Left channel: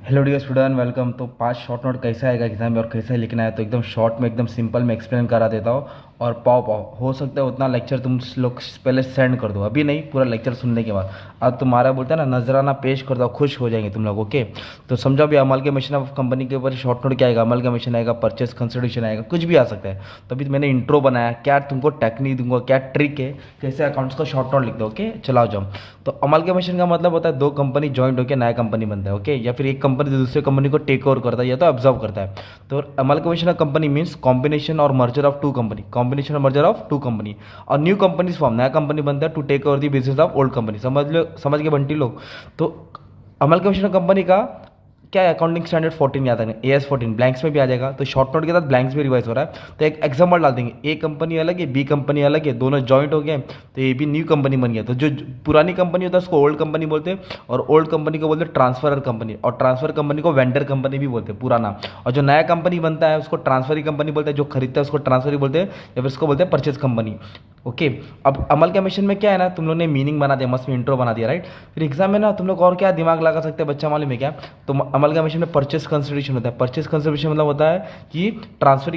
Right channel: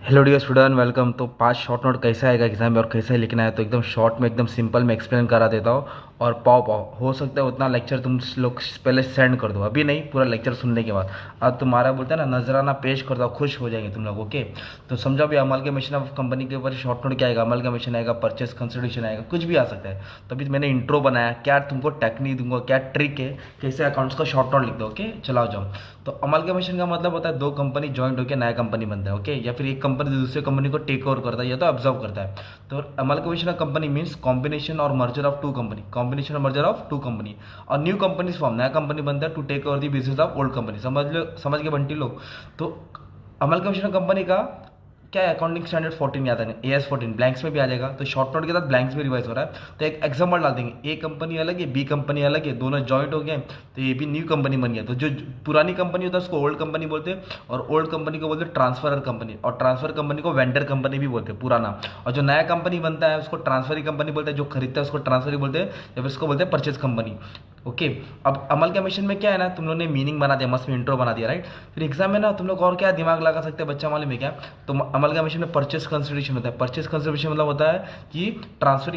Hello dear student welcome. तो 5 short note कैसा आएगा एग्जाम में और कैसे लिखना है, तो एकदम शॉर्ट में एकदम सिंपल में एक्सप्लेन करा देता हूँ। और पाओ पाओ हो सकता है उतना लेक्चर तुम लोग पहले सेंड कर दो, अभी नहीं, पूरा लेक्चर सुनने के बाद। अब तुम्हारा बोलते हैं ना नजराना पेश कर दो, खुश हो जाएंगे तुम लोग। ओके, तो समझो अभी अमल के मिशन ऑफ कंपनी के ऊपर शॉर्ट नोट क्या आएगा, अमल का मिशन आएगा, परचेस कंसिडरेशन आएगा, कुछ भी आ सकता है। तो अभी मैंने इंट्रो बनाया, क्या तुमको टेक्निक दूंगा, क्या ट्रिक है, कैसे अकाउंट्स का शॉर्ट नोट लिख दो। ओके चलाओ जाओ। तो अमल के मिशन का मतलब होता है दो कंपनी ज्वाइंट होकर नया कंपनी बनता है। ओके, या फिर एक कंपनी दूसरे कंपनी को टेक ओवर करता है या तो ऑब्जर्व करता है। तो amalgamation of company means combination और merger of two company, combination और मर्जर ऑफ टू कंपनी। और न्यू कंपनीज फॉर्म, नया कंपनी बनता है to take over the business of old company. समझ लो, समझ के बंटी लोग। तो अमलकमिशन ऑफ कंपनी का क्या है, अकाउंटिंग स्टैंडर्ड 14 याद है, AS 14 ब्लैंक्स में भी आ जाएगा। तो शॉर्ट नोट के साथ ब्लैंक्स भी रिवाइज हो रहा है। तो एक एग्जाम्पल डाल देंगे, ए कंपनी अलग है, बी कंपनी अलग है, दोनों जॉइंट हो गए, तो ये भी न्यू कंपनी बन गया। तो जो पुरानी कंपनी होता है उसको ओल्ड कंपनी बोलते हैं, और ओल्ड कंपनी को बोलते हैं ट्रांसफर कंपनी, और ट्रांसफर कंपनी को वेंडर कंपनी भी बोलते हैं पुराना। और जो नया कंपनी बनता है उसको ट्रांसफरी कंपनी बोलते हैं, जो खरीदता है उसको ट्रांसफरी बोलते हैं, या फिर उसको बोलते हैं परचेज कंपनी। ओके, अब अमल के मिशन में क्या है ना, तुम लोगों ने मीनिंग बना दिया, मस्त में इंट्रो बना दिया, राइट। फिर एग्जाम में ना तुम लोग और क्या दिमाग लगा सकते हैं, बच्चा मालूम है क्या। तो अमल का मिशन में परचेस कंसिडरेशन होता है। परचेस कंसिडरेशन मतलब होता है कि ट्रांसफर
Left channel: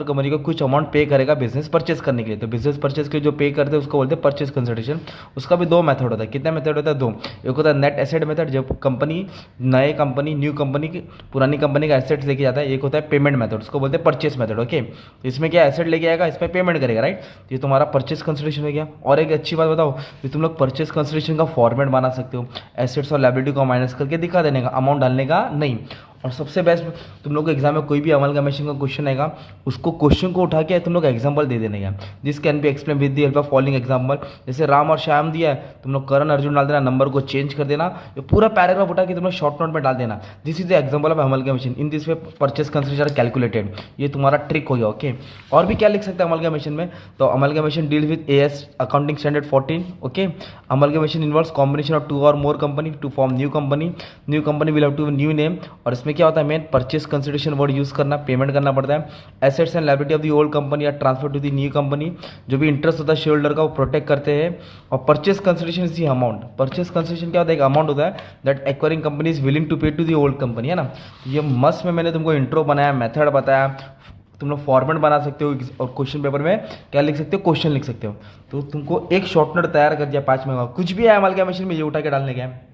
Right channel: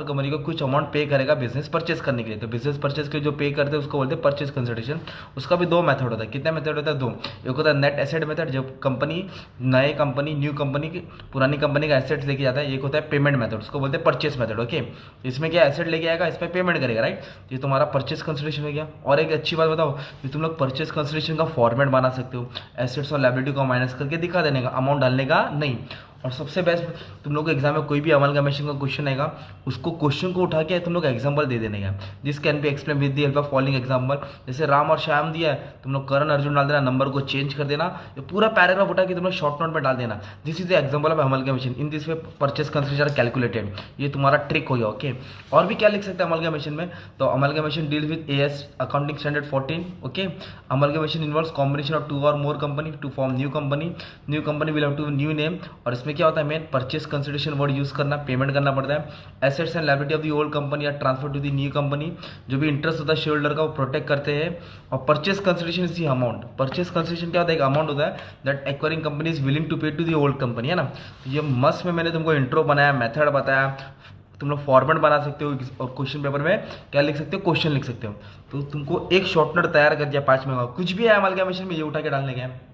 कंपनी को कुछ अमाउंट पे करेगा बिजनेस परचेस करने के लिए। तो बिजनेस परचेस के लिए जो पे करते हैं उसको बोलते हैं परचेस कंसिडरेशन। उसका भी दो मेथड होता है। कितने मेथड होता है, दो। एक होता है नेट एसेट मेथड, जब कंपनी नए कंपनी न्यू कंपनी की पुरानी कंपनी का एसेट्स लेके जाता है। एक होता है पेमेंट मेथड, उसको बोलते हैं परचेस मेथड। ओके, इसमें क्या एसेट लेके आएगा, इस पर पेमेंट करेगा, राइट। ये तुम्हारा परचेस कंसिडरेशन हो गया। और एक अच्छी बात बताओ कि तुम लोग परचेस कंसिडरेशन का फॉर्मेट बना सकते हो, एसेट्स और लायबिलिटी को माइनस करके दिखा देने का, अमाउंट डालने का नहीं। और सबसे बेस्ट, तुम लोग को एग्जाम में कोई भी अमल का मिशन का क्वेश्चन आएगा, उसको क्वेश्चन को उठा के तुम लोग एग्जाम्पल दे देने का। This can be explain with the help of following example. जैसे राम और श्याम दिया है, तुम लोग करण अर्जुन डाल देना, नंबर को चेंज कर देना, ये पूरा पैराग्राफ उठा के तुम लोग शॉर्ट नोट में डाल देना। This is the example of amalgamation, in this way purchase consideration calculated. ये तुम्हारा ट्रिक हो गया। ओके, और भी क्या लिख सकते हैं अमल का मिशन में, तो amalgamation deal with AS accounting standard 14। Okay, amalgamation involves combination of two or more company to form new company. New company will have to new name. और इसमें क्या होता है, main purchase consideration word use करना, payment करना पड़ता है। Assets and liability of the old company are transfer to the new company. जो भी इंटरेस्ट होता है शेयर होल्डर का वो प्रोटेक्ट करते हैं। और purchase consideration is the amount. Purchase consideration क्या होता है, एक अमाउंट होता है that acquiring company is willing to pay to the old company, है ना। ये मस्त में मैंने तुमको इंट्रो बनाया, मेथड बताया। तुम लोग फॉर्मेट बना सकते हो और क्वेश्चन पेपर में क्या लिख सकते हो, क्वेश्चन लिख सकते हो। तो तुमको एक शॉर्ट नोट तैयार कर दिया 5 मिनट का, कुछ भी है अमल के मिशन में ये उठा के डालने का है।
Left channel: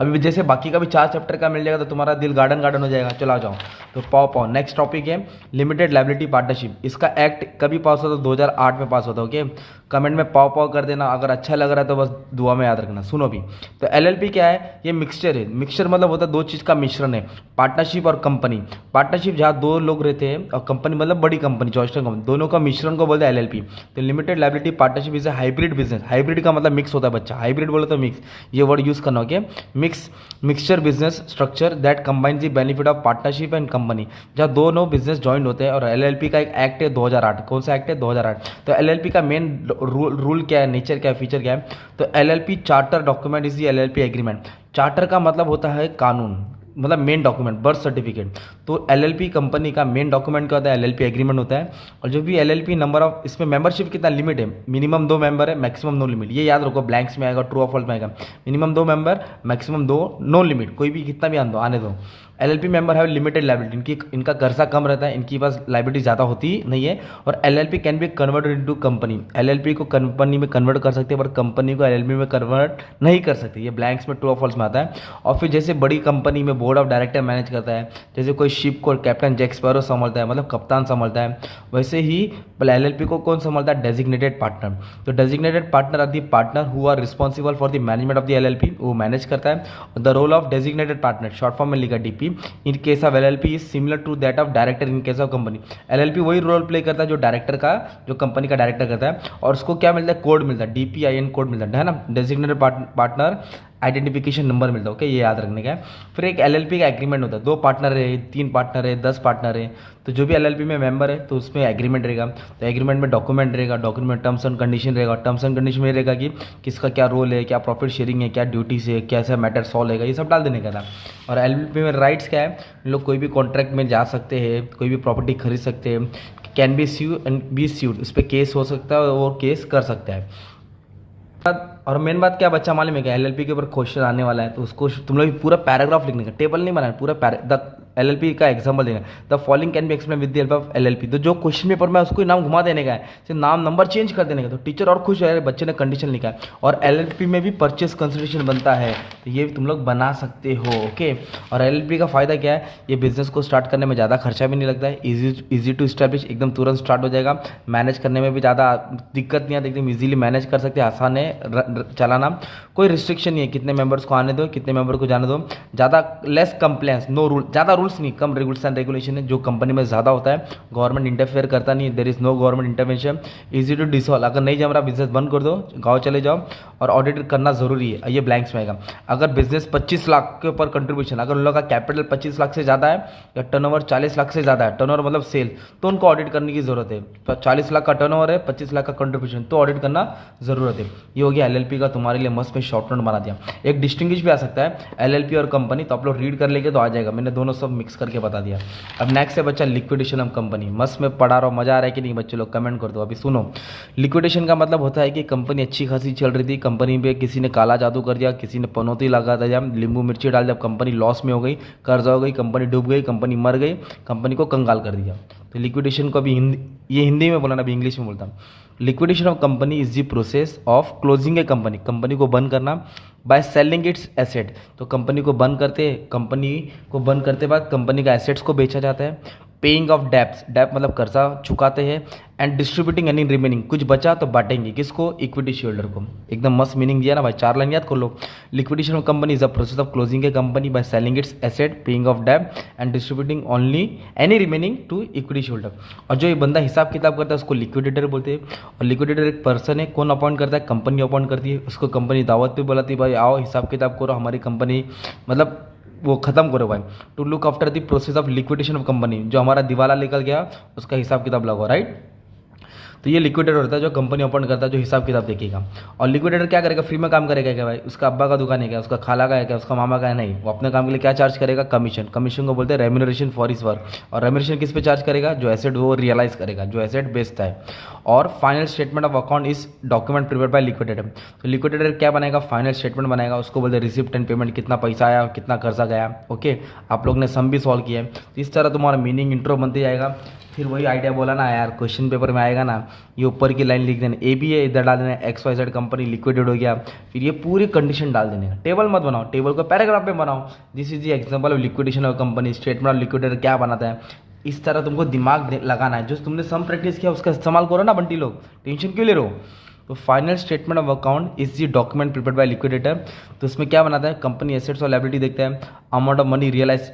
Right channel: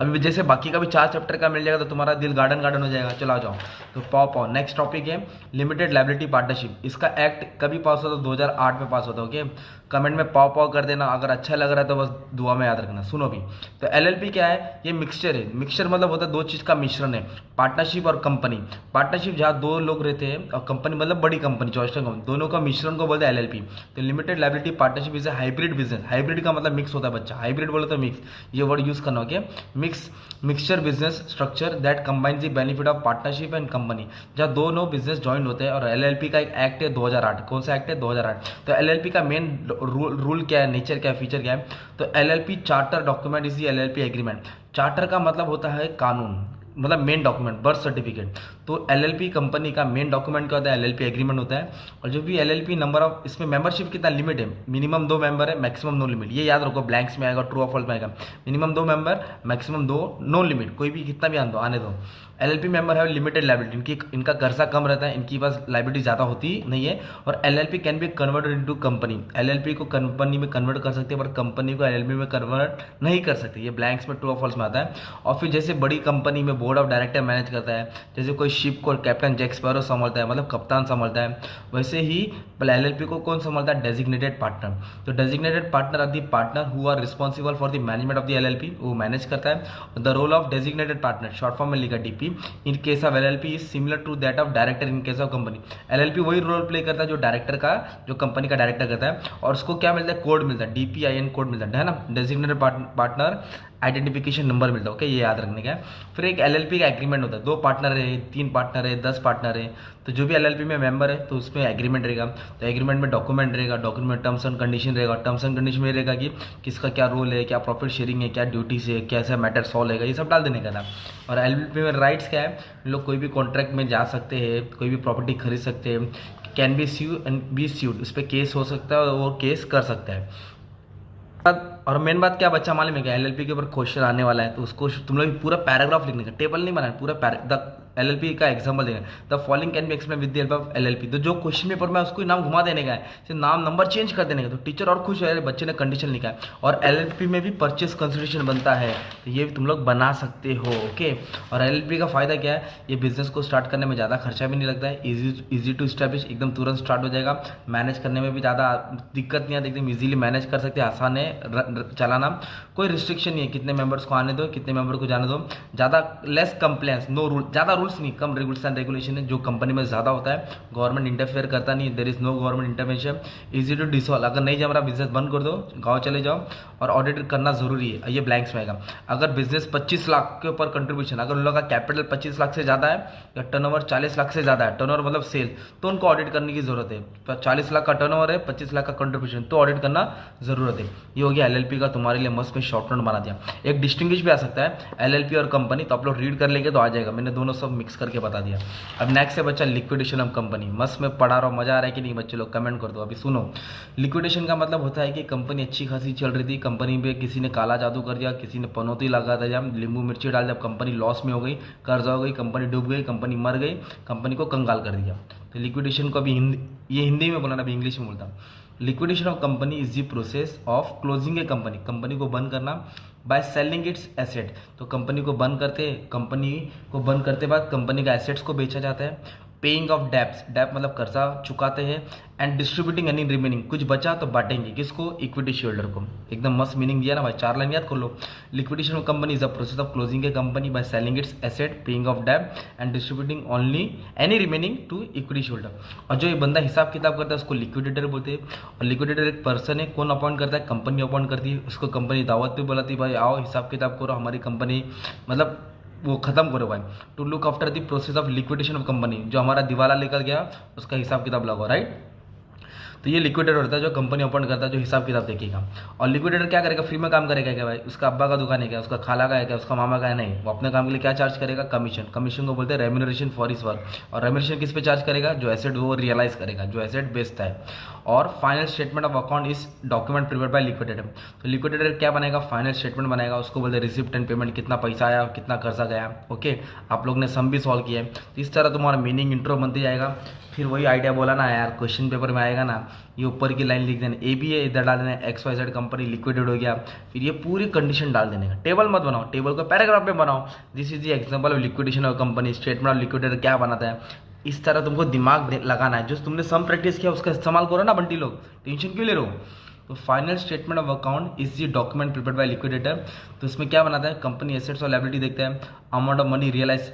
अभी जैसे बाकी का भी 4 चैप्टर का मिल जाएगा तो तुम्हारा दिल गार्डन गार्डन हो जाएगा। चला जाओ। तो पाओ पाओ नेक्स्ट टॉपिक है लिमिटेड लायबिलिटी पार्टनरशिप। इसका एक्ट कभी पास होता है, 2008 में पास होता है। ओके, कमेंट में पाओ पाओ कर देना, अगर अच्छा लग रहा है तो बस दुआ में याद रखना। सुनो भी, तो LLP क्या है, ये मिक्सचर है। मिक्सचर मतलब होता है दो चीज़ का मिश्रण है, पार्टनरशिप और कंपनी। पार्टनरशिप जहाँ दो लोग रहते हैं, और कंपनी मतलब बड़ी कंपनी, जॉइंट कंपनी, दोनों का मिश्रण को बोलते हैं LLP। तो limited liability partnership is a hybrid business. Hybrid का मतलब मिक्स होता है बच्चा, हाइब्रिड बोले तो मिक्स, ये वर्ड यूज करना। Okay, mixture business structure that combines the benefit of partnership and company, जहाँ दोनों बिजनेस ज्वाइन होते हैं। और LLP का एक एक्ट है 2008, कौन सा एक्ट है, 2008। तो LLP का मेन रूल क्या है, नेचर क्या है, फीचर क्या है, तो LLP charter document is the LLP agreement. Charter का मतलब होता है कानून, मतलब मेन डॉक्यूमेंट, बर्थ सर्टिफिकेट। तो LLP कंपनी का मेन डॉक्यूमेंट क्या होता है, LLP एग्रीमेंट होता है। और जो भी LLP नंबर ऑफ, इसमें मेंबरशिप कितना लिमिट है, मिनिमम 2 मेंबर है, मैक्सिमम नो लिमिट। ये याद रखो, ब्लैंक्स में आएगा, ट्रू और फॉल्स में आएगा। Minimum 2 member, maximum 2, no limit, कोई भी कितना भी आने दो। LLP मेंबर है लिमिटेड लाइबिलिटी, इनका कर्जा कम रहता है, इनकी पास लाइबिलिटी ज़्यादा होती नहीं है। और LLP can be converted into company, LLP को कंपनी में कन्वर्ट कर सकते हैं, पर कंपनी को LLP में कन्वर्ट नहीं कर सकते। ये ब्लैंक्स में ट्रू और फॉल्स में आता है। और फिर जैसे बड़ी कंपनी में बोर्ड ऑफ डायरेक्टर मैनेज करता है, जैसे कोई शिप को कैप्टन जैक स्पैरो संभालता है, मतलब कप्तान संभालता है, वैसे ही LLP को कौन संभालता है, डेजिग्नेटेड पार्टनर। तो designated partner are the partner who are responsible for the management of the LLP, वो मैनेज करता है। The role of designated partner, short form में लिखा DP, in case of LLP is similar to that of director in case of company. LLP वही role play करता है जो director का, जो कंपनी का डायरेक्टर करता है। और उसको क्या मिलता है, कोड मिलता है, DPIN कोड मिलता है ना, डेजिग्नेटेड पार्टनर आइडेंटिफिकेशन नंबर मिलता है। ओके, ये याद रखने का है। फिर एक LLP का एग्रीमेंट होता है, 2 पार्टनर है, 3 पार्टनर है, 10 पार्टनर है। तो जो भी LLP में मेंबर है तो उसमें एग्रीमेंट रहेगा। तो एग्रीमेंट में डॉक्यूमेंट रहेगा, डॉक्यूमेंट टर्म्स एंड कंडीशन रहेगा। टर्म्स एंड कंडीशन में रहेगा कि किसका क्या रोल है, क्या प्रॉफिट शेयरिंग है, क्या ड्यूटीज है, कैसा मैटर सॉल्व है, ये सब डाल देने का था। और LLP में राइट्स क्या है, लोग कोई भी कॉन्ट्रैक्ट में जा सकते हैं, कोई भी प्रॉपर्टी खरीद सकते हैं, can be sue and be sued, उस पर केस हो सकता है और केस कर सकता है। और मेन बात क्या बच्चा मालूम है क्या, एलएलपी के ऊपर क्वेश्चन आने वाला है, तो उसको तुम लोग पूरा पैराग्राफ लिखने का, टेबल नहीं बनाना, पूरा द एलएलपी का एग्जांपल देना, the following can be explain with the help of LLP. तो जो क्वेश्चन पेपर में उसको नाम घुमा देने का है, सिर्फ नाम नंबर चेंज कर देने का, तो टीचर और खुश है, बच्चे ने कंडीशन लिखा है। और एलएलपी में भी परचेस कंसिडरेशन बनता है, तो ये तुम लोग बना सकते हो। ओके, और एलएलपी का फायदा क्या है, ये बिजनेस को स्टार्ट करने में ज़्यादा खर्चा भी नहीं लगता है, इजी टू स्टैब्लिश, एकदम तुरंत स्टार्ट हो जाएगा, मैनेज करने में भी ज़्यादा दिक्कत नहीं आती, एकदम इजीली मैनेज कर सकते हैं, आसान है चलाना, कोई रिस्ट्रिक्शन नहीं है, कितने मेंबर्स को आने दो, कितने मेंबर को जाने दो, ज़्यादा लेस कंप्लेंट्स, नो रूल, ज़्यादा रूल्स नहीं, कम रूल्स एंड रेगुलेशन है, जो कंपनी में ज़्यादा होता है, गवर्नमेंट इंटरफेयर करता नहीं, there is no government intervention, easy to dissolve, अगर नहीं जम रहा बिजनेस बंद कर दो, गाँव चले जाओ, और ऑडिट करना ज़रूरी है, ये ब्लैंक्स में आएगा। अगर बिजनेस 25 लाख के ऊपर कंट्रीब्यूशन, अगर उन लोगों का कैपिटल 25 लाख से ज़्यादा है या टर्नओवर 40 लाख से ज़्यादा है, टर्नओवर मतलब सेल, तो उनको ऑडिट करने की ज़रूरत है। तो 40 लाख का टर्नओवर है, 25 लाख का कंट्रीब्यूशन, तो ऑडिट करना ज़रूरत है। ये हो गया एलएलपी का तुम्हारे लिए मस्त में शॉर्ट नोट बना दिया। एक डिस्टिंग्विश भी आ सकता है एलएलपी और कंपनी, तो आप लोग रीड कर लेंगे तो आ जाएगा, मैंने दोनों सब मिक्स करके बता दिया। अब नेक्स्ट है बच्चा लिक्विडेशन ऑफ कंपनी। मस्त में पढ़ा रहा हूँ, मजा आ रहा है कि नहीं बच्चे लोग, कमेंट कर दो। अभी सुनो, लिक्विडेशन का मतलब होता है कि कंपनी अच्छी खासी चल रही थी, कंपनी पे किसी ने काला जादू कर दिया, किसी ने पनौती लगा दिया, नींबू मिर्ची डाल दिया, कंपनी लॉस में हो गई, कर्जा हो गई, कंपनी डूब गई, कंपनी मर गई, कंपनी को कंगाल कर दिया। तो लिक्विडेशन को अभी ये हिंदी में बोला ना, अभी इंग्लिश में बोलता हूँ। Liquidation of company is the process of closing a company, company को बंद करना, बाय सेलिंग इट्स एसेट, तो कंपनी को बंद करते बाद कंपनी का एसेट्स को बेचा जाता है, पेइंग ऑफ डेप्स, डेप मतलब कर्जा चुकाते हैं, एंड डिस्ट्रीब्यूटिंग एनी रिमेनिंग, कुछ बचा तो बांटेंगे, किसको, इक्विटी शेयरहोल्डर को। एकदम मस्त मीनिंग दिया ना भाई, 4 लाइन याद कर लो। Liquidation of company is a process of closing a company by selling its asset, paying off debt and distributing only any remaining to equity shareholder. और जो ये बंदा हिसाब किताब करता है उसको लिक्विडेटर बोलते हैं। और लिक्विडेटर एक पर्सन है, कौन अपॉइंट करता है, कंपनी अपॉइंट करती है, उसको कंपनी दावत पे बुलाती है, भाई आओ हिसाब किताब करो, हमारी कंपनी मतलब वो ख़त्म करो भाई, to look after the process of liquidation of company, जो हमारा दिवाला निकल गया उसका हिसाब किताब लगाओ, राइट। तो ये लिक्विडेटर होता है जो कंपनी अपॉइंट करता है, जो हिसाब किताब देखेगा। और लिक्विडेटर क्या करेगा, फ्री में काम करेगा क्या भाई, उसका अब्बा का दुकान है क्या, उसका खाला का है क्या, उसका मामा का है, नहीं, वो अपने काम के लिए क्या चार्ज करेगा, कमीशन, कमीशन को बोलते हैं रेम्यूनरेशन फॉर हिज वर्क। और रेम्यूनरेशन किस पे चार्ज करेगा, जो एसेट वो रियलाइज करेगा, जो एसेट बेचता है। और final statement of account is document prepare by liquidator. तो लिक्विडेटर क्या बनाएगा, फाइनल स्टेटमेंट बनाएगा, उसको बोलते हैं रिसिप्ट एंड पेमेंट, कितना पैसा आया, कितना कर्जा गया। ओके, आप लोग ने सम भी सॉल्व किया है, तो इस तरह तुम्हारा मीनिंग इंट्रो बनते जाएगा। फिर वही आइडिया बोला ना यार, क्वेश्चन पेपर में आएगा ना, ये ऊपर की लाइन लिख देना, ए बी है, इधर डाल देना XYZ कंपनी लिक्विडेट हो गया, फिर ये पूरी कंडीशन डाल देने का। टेबल मत बनाओ, टेबल को पैराग्राफ में बनाओ, this is the example of liquidation of company, statement of liquidator क्या बनाता है, इस तरह तुमको दिमाग लगाना है। जो तुमने सम प्रैक्टिस किया उसका इस्तेमाल करो ना बंटी लोग, टेंशन क्यों ले रहे हो। तो final statement of account is the document prepared by liquidator. तो इसमें क्या बनाता है, कंपनी एसेट्स और लायबिलिटी देखता है, अमाउंट ऑफ मनी रियलाइज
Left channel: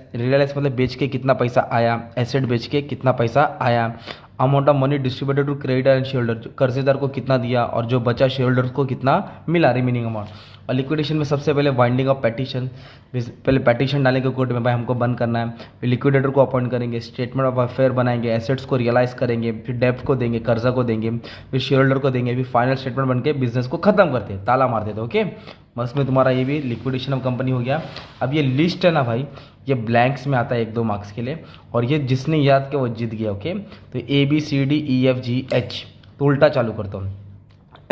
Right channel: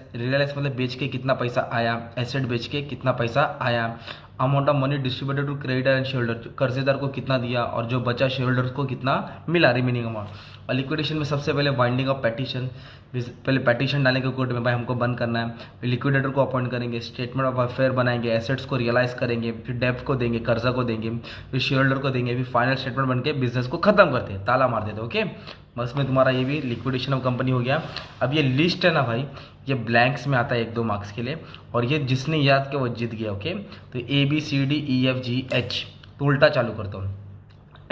मतलब बेच के कितना पैसा आया, एसेट बेच के कितना पैसा आया, amount of money distributed to creditor and shareholder, कर्जेदार को कितना दिया और जो बचा शेयर होल्डर्स को कितना मिला, रिमेनिंग अमाउंट। और लिक्विडेशन में सबसे पहले बाइंडिंग ऑफ पेटिशन, पहले पेटिशन डालेंगे कोर्ट में, भाई हमको बंद करना है, फिर लिक्विडेटर को अपॉइंट करेंगे, स्टेटमेंट ऑफ अफेयर बनाएंगे, एसेट्स को रियलाइज करेंगे, फिर डेप्ट को देंगे, कर्जा को देंगे, फिर शेयर होल्डर को देंगे, फिर फाइनल स्टेटमेंट बन के बिजनेस को खत्म करते हैं, ताला मार देते। ओके, बस में तुम्हारा ये भी लिक्विडेशन ऑफ कंपनी हो गया। अब ये लिस्ट है ना भाई, ये ब्लैंक्स में आता है 1-2 मार्क्स के लिए, और ये जिसने याद किया वो जीत गया। ओके, तो ABCDEFGH, तो उल्टा चालू करता हूँ।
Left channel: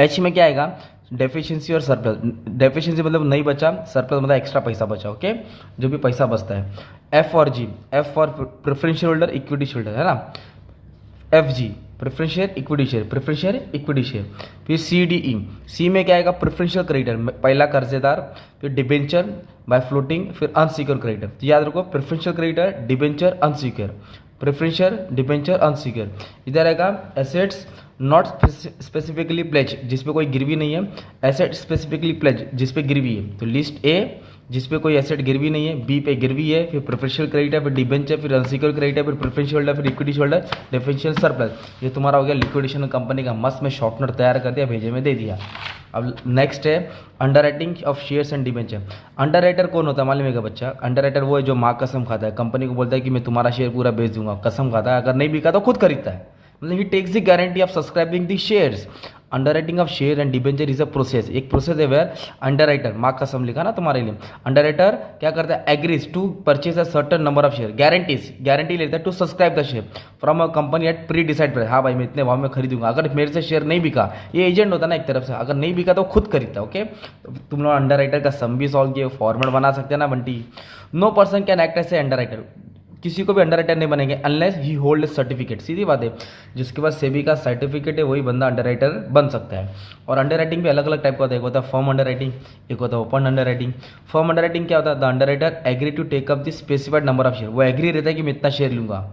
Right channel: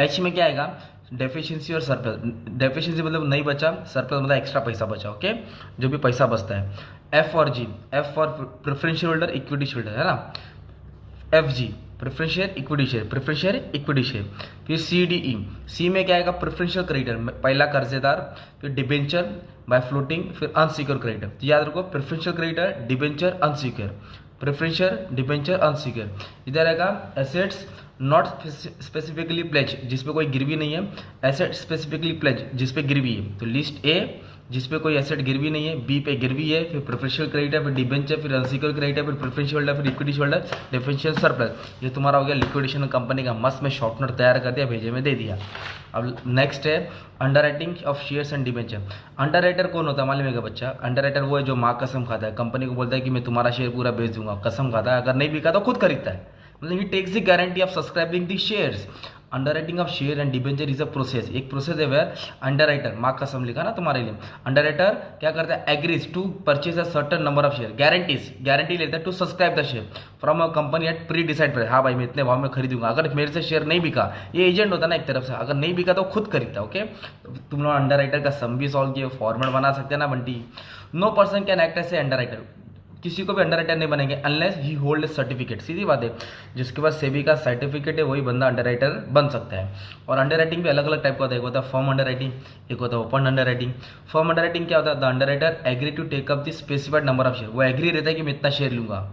H में क्या आएगा, डेफिशिएंसी और सरप्लस। डेफिशिएंसी मतलब नहीं बचा, सरप्लस मतलब एक्स्ट्रा पैसा बचा। ओके, जो भी पैसा बचता है। F और G, F for preferential holder, equity share है ना, FG preference share, equity share, preference share, equity share. फिर CDE, C में क्या आएगा, प्रेफरेंशियल क्रेडिटर, पहला कर्जेदार, फिर डिबेंचर बाय फ्लोटिंग, फिर अनसिक्योर क्रेडिटर। तो याद रखो, preferential creditor, debenture, unsecure, preferential, debenture, unsecure. इधर आएगा एसेट्स नॉट स्पेसिफिकली प्लेज, जिसपे कोई गिरवी नहीं है, एसेट स्पेसिफिकली प्लेज जिसपे गिरवी है। तो लिस्ट A जिसपे कोई एसेट गिरवी नहीं है, B पे गिरवी है, फिर प्रेफरेंशियल क्रेडिटर, फिर डिबेंचर, फिर अनसिक्योर क्रेडिटर, फिर प्रेफरेंशियल होल्डर, फिर इक्विटी होल्डर, डिफरेंशियल सरप्लस। ये तुम्हारा हो गया लिक्विडेशन कंपनी का। मस्त में शॉर्ट नोट तैयार कर दिया, भेजे में दे दिया। अब नेक्स्ट है under writing of shares and debenture. Under writer कौन होता है मालूम है क्या बच्चा, अंडर राइटर वो है जो माँ कसम खाता है, कंपनी को बोलता है कि मैं तुम्हारा शेयर पूरा बेच दूंगा, कसम खाता है, अगर नहीं बिका तो खुद खरीदता है, मतलब he takes the guarantee of subscribing the shares. Underwriting of share and debenture is a process, एक प्रोसेस है वेयर अंडर राइटर, मार्क का सम लिखा ना तुम्हारे लिए, अंडर राइटर क्या करता है, agrees to purchase a certain number of share, guarantee लेता है to subscribe the share from a company at pre decide price, हाँ भाई मैं इतने भाव में खरीदूंगा, अगर मेरे से शेयर नहीं बिका, ये एजेंट होता है ना एक तरफ से, अगर नहीं बिका तो खुद खरीदता, ओके। तुम लोग अंडर राइटर का सम भी सॉल्व किए, फॉर्मेट बना सकते हैं ना Bunty. No person can act as a underwriter, किसी को भी अंडर राइटर नहीं बनेंगे अनलेस ही होल्ड सर्टिफिकेट, सीधी बात है, जिसके पास सेबी का सर्टिफिकेट है वही बंदा अंडर राइटर बन सकता है। और अंडर राइटिंग भी अलग अलग टाइप का होता है, एक होता है फर्म अंडर राइटिंग, एक होता है open underwriting. Firm underwriting क्या होता है, the underwriter agree to take up the specified number of share, वो एग्री रहता है कि मैं इतना शेयर लूंगा।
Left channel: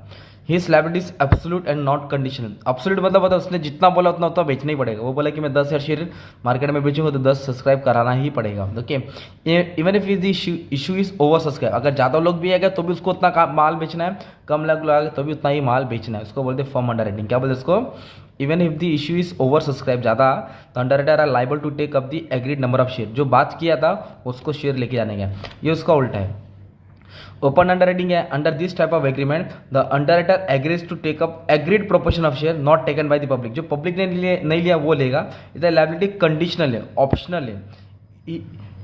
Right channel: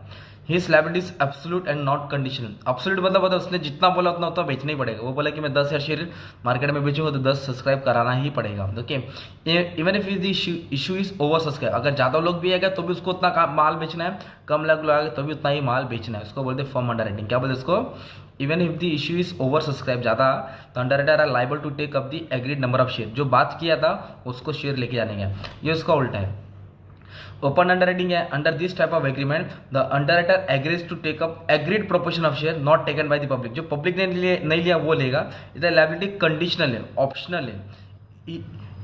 His liability is absolute and not conditional, absolute मतलब होता है उसने जितना बोला उतना उतना बेचना ही पड़ेगा, वो बोला कि मैं 10,000 शेयर मार्केट में बेचूंगा तो 10 सब्सक्राइब कराना ही पड़ेगा, okay. Even if is issue is over subscribe, अगर ज़्यादा लोग भी आएगा तो भी उसको उतना माल बेचना है, कम लोग आएगा तो भी उतना ही माल बेचना है, उसको बोलते हैं फर्म अंडर राइटिंग। क्या बोलते हैं उसको, even if the issue is oversubscribe, ज़्यादा तो underwriter are liable to take up the agreed number of share, जो बात किया था उसको शेयर लेके जाने का, ये उसका उल्टा है। ओपन अंडर राइटिंग है, under this type of agreement the underwriter agrees to take up agreed proportion of share not taken by the public, जो पब्लिक ने नहीं लिया वो लेगा, इधर लायबिलिटी कंडीशनल है, ऑप्शनल है।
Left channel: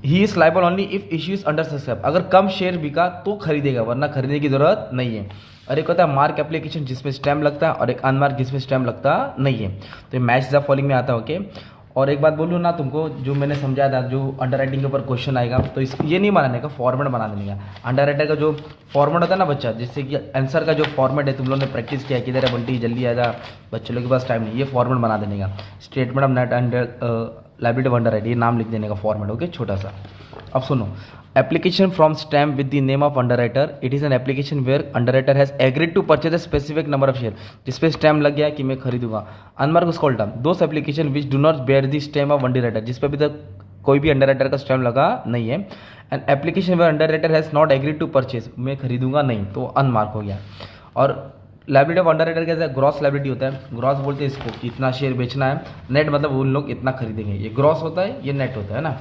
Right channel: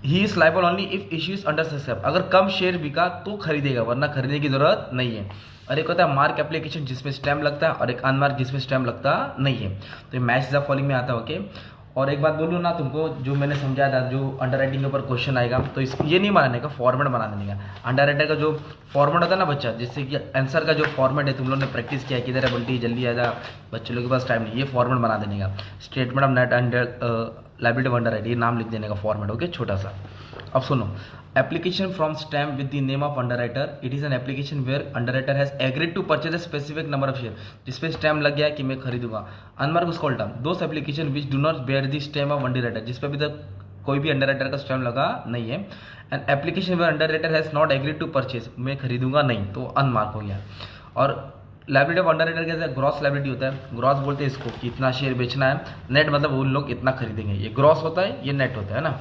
He is liable only if issues under subscribe, अगर कम शेयर बिका तो खरीदेगा वरना खरीदने की जरूरत नहीं है। और एक होता है मार्क एप्लीकेशन जिसमें स्टैम्प लगता है, और एक अनमार्क जिसमें स्टैम्प लगता नहीं है, तो मैच द फॉलोइंग में आता है, ओके। और एक बात बोलूँ ना तुमको, जो मैंने समझाया था, जो अंडर राइटिंग के ऊपर क्वेश्चन आएगा तो इस ये नहीं बनाने का, फॉर्मेट बना देने का। अंडर राइटर का जो फॉर्मेट होता है ना बच्चा, जिससे कि आंसर का जो फॉर्मेट है तुम लोगों ने प्रैक्टिस किया, किधर है बल्टी जल्दी आ जा, बच्चों लोग के पास टाइम नहीं, ये फॉर्मेट बना देने का, statement of net under liability of under writer, ये नाम लिख देने का फॉर्मेट, ओके, छोटा सा। अब सुनो, application from stamp with the name of underwriter, it is an application where underwriter has agreed to purchase a specific number of share, जिस पे स्टैम्प लग गया कि मैं खरीदूंगा। अनमार्क उसका उल्टा, those application which do not bear the stamp of underwriter, जिस पे अभी तक कोई भी अंडरराइटर का स्टैम्प लगा नहीं है। And application where underwriter has not agreed to purchase, मैं खरीदूंगा नहीं, तो अनमार्क हो गया। और लायबिलिटी ऑफ अंडरराइटर कैसा है, ग्रॉस लायबिलिटी होता है, ग्रॉस बोलते हैं इसको कि इतना शेयर बेचना है, नेट मतलब उन लोग इतना खरीदेंगे, ये ग्रॉस होता है, ये नेट होता है ना।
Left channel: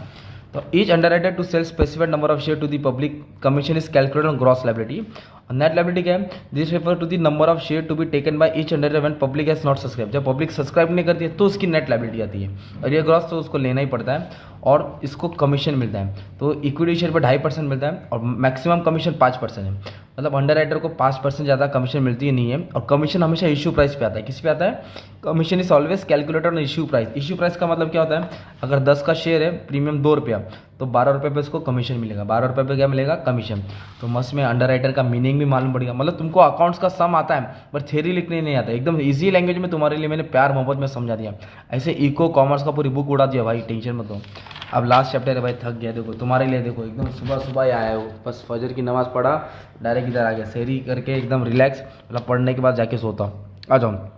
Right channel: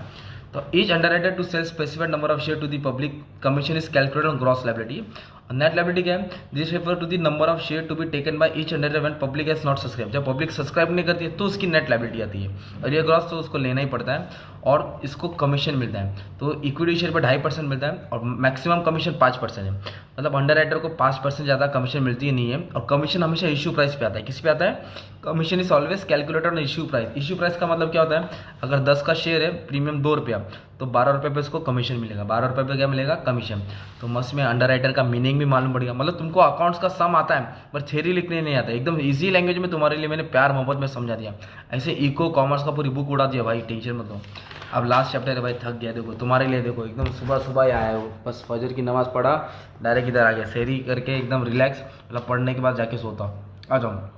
तो each underwriter to sell specified number of share to the public commission is calculated on gross liability. Net liability क्या है, this refer to the number of share to be taken by each underwriter when public has not subscribe, जब public subscribe नहीं करती है तो उसकी net liability आती है, और ये ग्रॉस तो उसको लेना ही पड़ता है, और इसको कमीशन मिलता है, तो इक्विटी शेयर पर 2.5% मिलता है, और मैक्सिमम कमीशन 5% है, मतलब अंडरराइटर को 5% ज़्यादा कमीशन मिलती ही नहीं है। और कमीशन हमेशा इशू प्राइस पे आता है, किस पे आता है, commission is always calculated on issue price. Issue price का मतलब क्या होता है, अगर 10 का शेयर है, प्रीमियम 2 रुपया, तो 12 रुपये पे इसको कमीशन मिलेगा, 12 रुपये पे क्या मिलेगा, कमीशन। तो मस्त में अंडरराइटर का मीनिंग भी मालूम पड़ेगा, मतलब तुमको अकाउंट्स का सम आता है पर थ्योरी लिखने नहीं आता, एकदम ईजी लैंग्वेज में तुम्हारे लिए मैंने प्यार मोहब्बत में समझा दिया, ऐसे इको कॉमर्स का पूरी बुक उड़ा दिया भाई, टेंशन मत लो। अब लास्ट चैप्टर है भाई, थक गया, देखो तुम्हारे लिए, देखो एकदम सुबह सुबह ही आया हो, बस फजर की नमाज़ पढ़ा, डायरेक्ट इधर आ गया, सहरी करके एकदम रिलैक्स, मतलब पढ़ने के बाद जाके सोता। आ जाऊँ,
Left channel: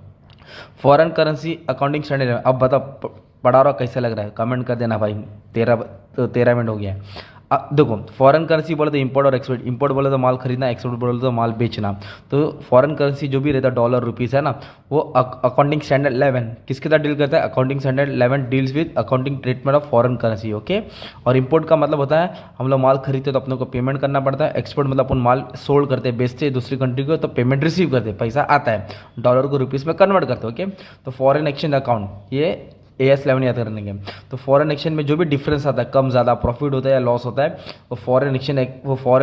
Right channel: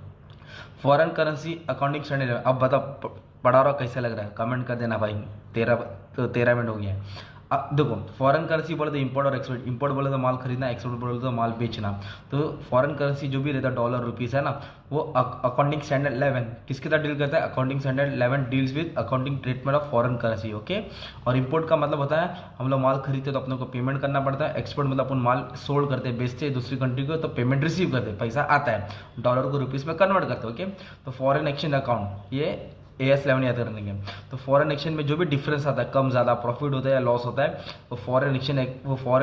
फॉरेन करेंसी अकाउंटिंग स्टैंडर्ड, अब बताओ पढ़ा रहा कैसे लग रहा है, कमेंट कर देना भाई, 13 मिनट हो गया है। देखो फॉरेन करेंसी बोले तो इंपोर्ट और एक्सपोर्ट, इंपोर्ट बोले तो माल खरीदना, एक्सपोर्ट बोले तो माल बेचना। तो फॉरेन करेंसी जो भी रहता है, डॉलर रुपीस है ना, वो अकाउंटिंग स्टैंडर्ड 11 किसके साथ डील करता है, accounting standard 11 deals with accounting treatment of foreign currency, okay. और इंपोर्ट का मतलब होता है हम लोग माल खरीदते तो अपने को पेमेंट करना पड़ता है, एक्सपोर्ट मतलब अपन माल सोल्ड करते बेचते दूसरी कंट्री को, तो पेमेंट रिसीव करते, पैसा आता है, डॉलर को रुपीस में कन्वर्ट करते, ओके। तो फॉरेन एक्सचेंज अकाउंट ये AS11 याद करने के। तो फॉरेन एक्सचेंज में जो भी डिफरेंस आता है, कम ज़्यादा प्रॉफिट होता है या लॉस होता है, वो फॉरेन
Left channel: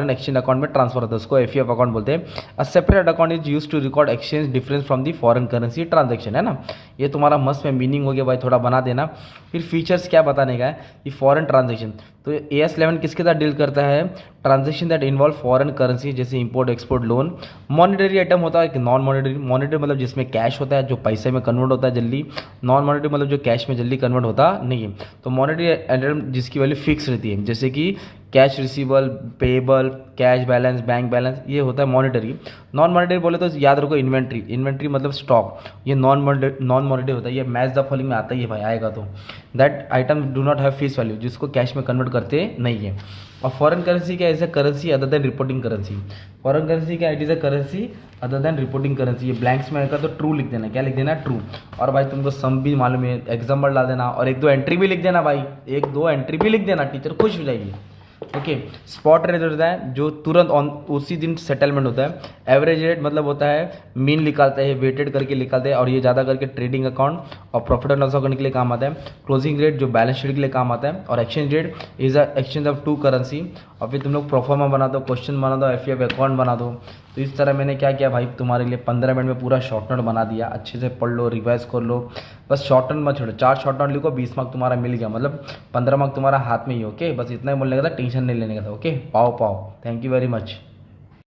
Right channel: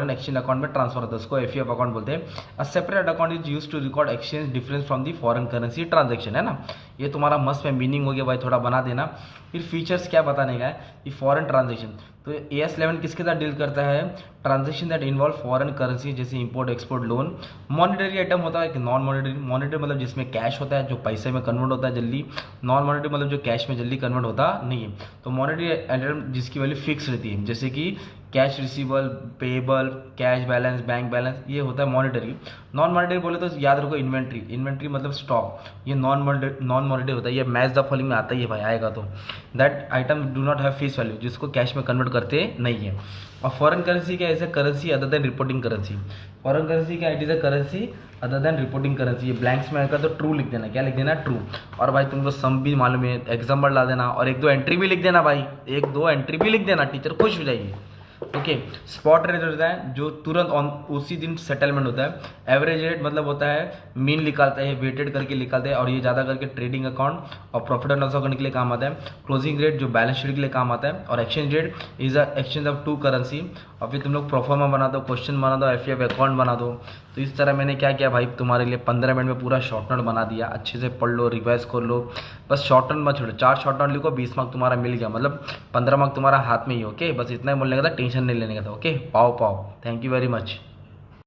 एक्सचेंज अकाउंट में ट्रांसफर होता है, उसको FEF अकाउंट बोलते हैं। A separate account is use to record exchange difference from the foreign currency transaction, है ना। ये तुम्हारा मस्त में मीनिंग हो गया भाई, थोड़ा बना देना। फिर फीचर्स क्या बताने का है, ये फॉरेन ट्रांजेक्शन, तो AS11 किसके साथ डील करता है, transaction that involve foreign currency, जैसे import export loan. Monetary item होता है कि नॉन मॉनिटरी, मॉनिटरी मतलब जिसमें कैश होता है, जो पैसे में कन्वर्ट होता है जल्दी, नॉन मॉनिटरी मतलब जो कैश में जल्दी कन्वर्ट होता नहीं है। तो मॉनिटरी आइटम जिसकी वैल्यू फिक्स रहती है, जैसे कि cash receivable, payable, cash balance, bank balance, ये होता है मॉनिटरी। नॉन मॉनिटरी बोले तो याद रखो इन्वेंट्री, इन्वेंट्री मतलब स्टॉक, ये नॉन मॉनिटरी होता है, ये मैच द फॉलोइंग में आता ही है भाई, आएगा तो। That item do not have face value, जिसको कैश में कन्वर्ट करते नहीं है। और फॉरेन करेंसी क्या, ऐसे currency other than reporting currency, foreign currency क्या, it is a currency other than reporting currency. ये ब्लैंक्स में आएगा तो ट्रू लिख देना, क्या लिख देना, ट्रू। और भाई तुमको सम भी मालूम है, एग्जाम्पल डाल देना, और 1-2 एंट्री भी लिख देना भाई, 1-2 एंट्री भी लिख देना, टीचर खुश हो जाएगी। ओके। स्पॉट रेट होता है जो तुरंत ऑन उसी दिन सेटलमेंट होता है। एवरेज रेट मतलब होता है मीन निकालते हैं, वेटेड करके निकालते हैं, और ये ज़्यादा करके ट्रेडिंग अकाउंट और प्रॉफिट एंड लॉस अकाउंट के लिए काम आता है। क्लोजिंग रेट जो बैलेंस शीट के लिए काम आता है, और exchange rate is a exchange of two currency. और फिर तुम लोग प्रोफार्मा बना दो, क्वेश्चन बना दो, एफ अकाउंट बना दो। तो इस तरह मैंने क्या किया भाई, तुम्हारे लिए 15 मिनट में पूरा शॉर्ट नोट बना दिया। अच्छे से पढ़ लो, रिवाइज कर लो, बस शॉर्ट नोट मत छोड़ो। 4 शॉर्ट नोट लिखो, 20 मार्क तुम्हारा मिल गया, मतलब 15 मार्क तुम्हारा हाथ में ही। ओके, बस इतना ही बोलने का था, टेंशन नहीं लेने का था। ओके, पाओ पाओ। Thank you very much.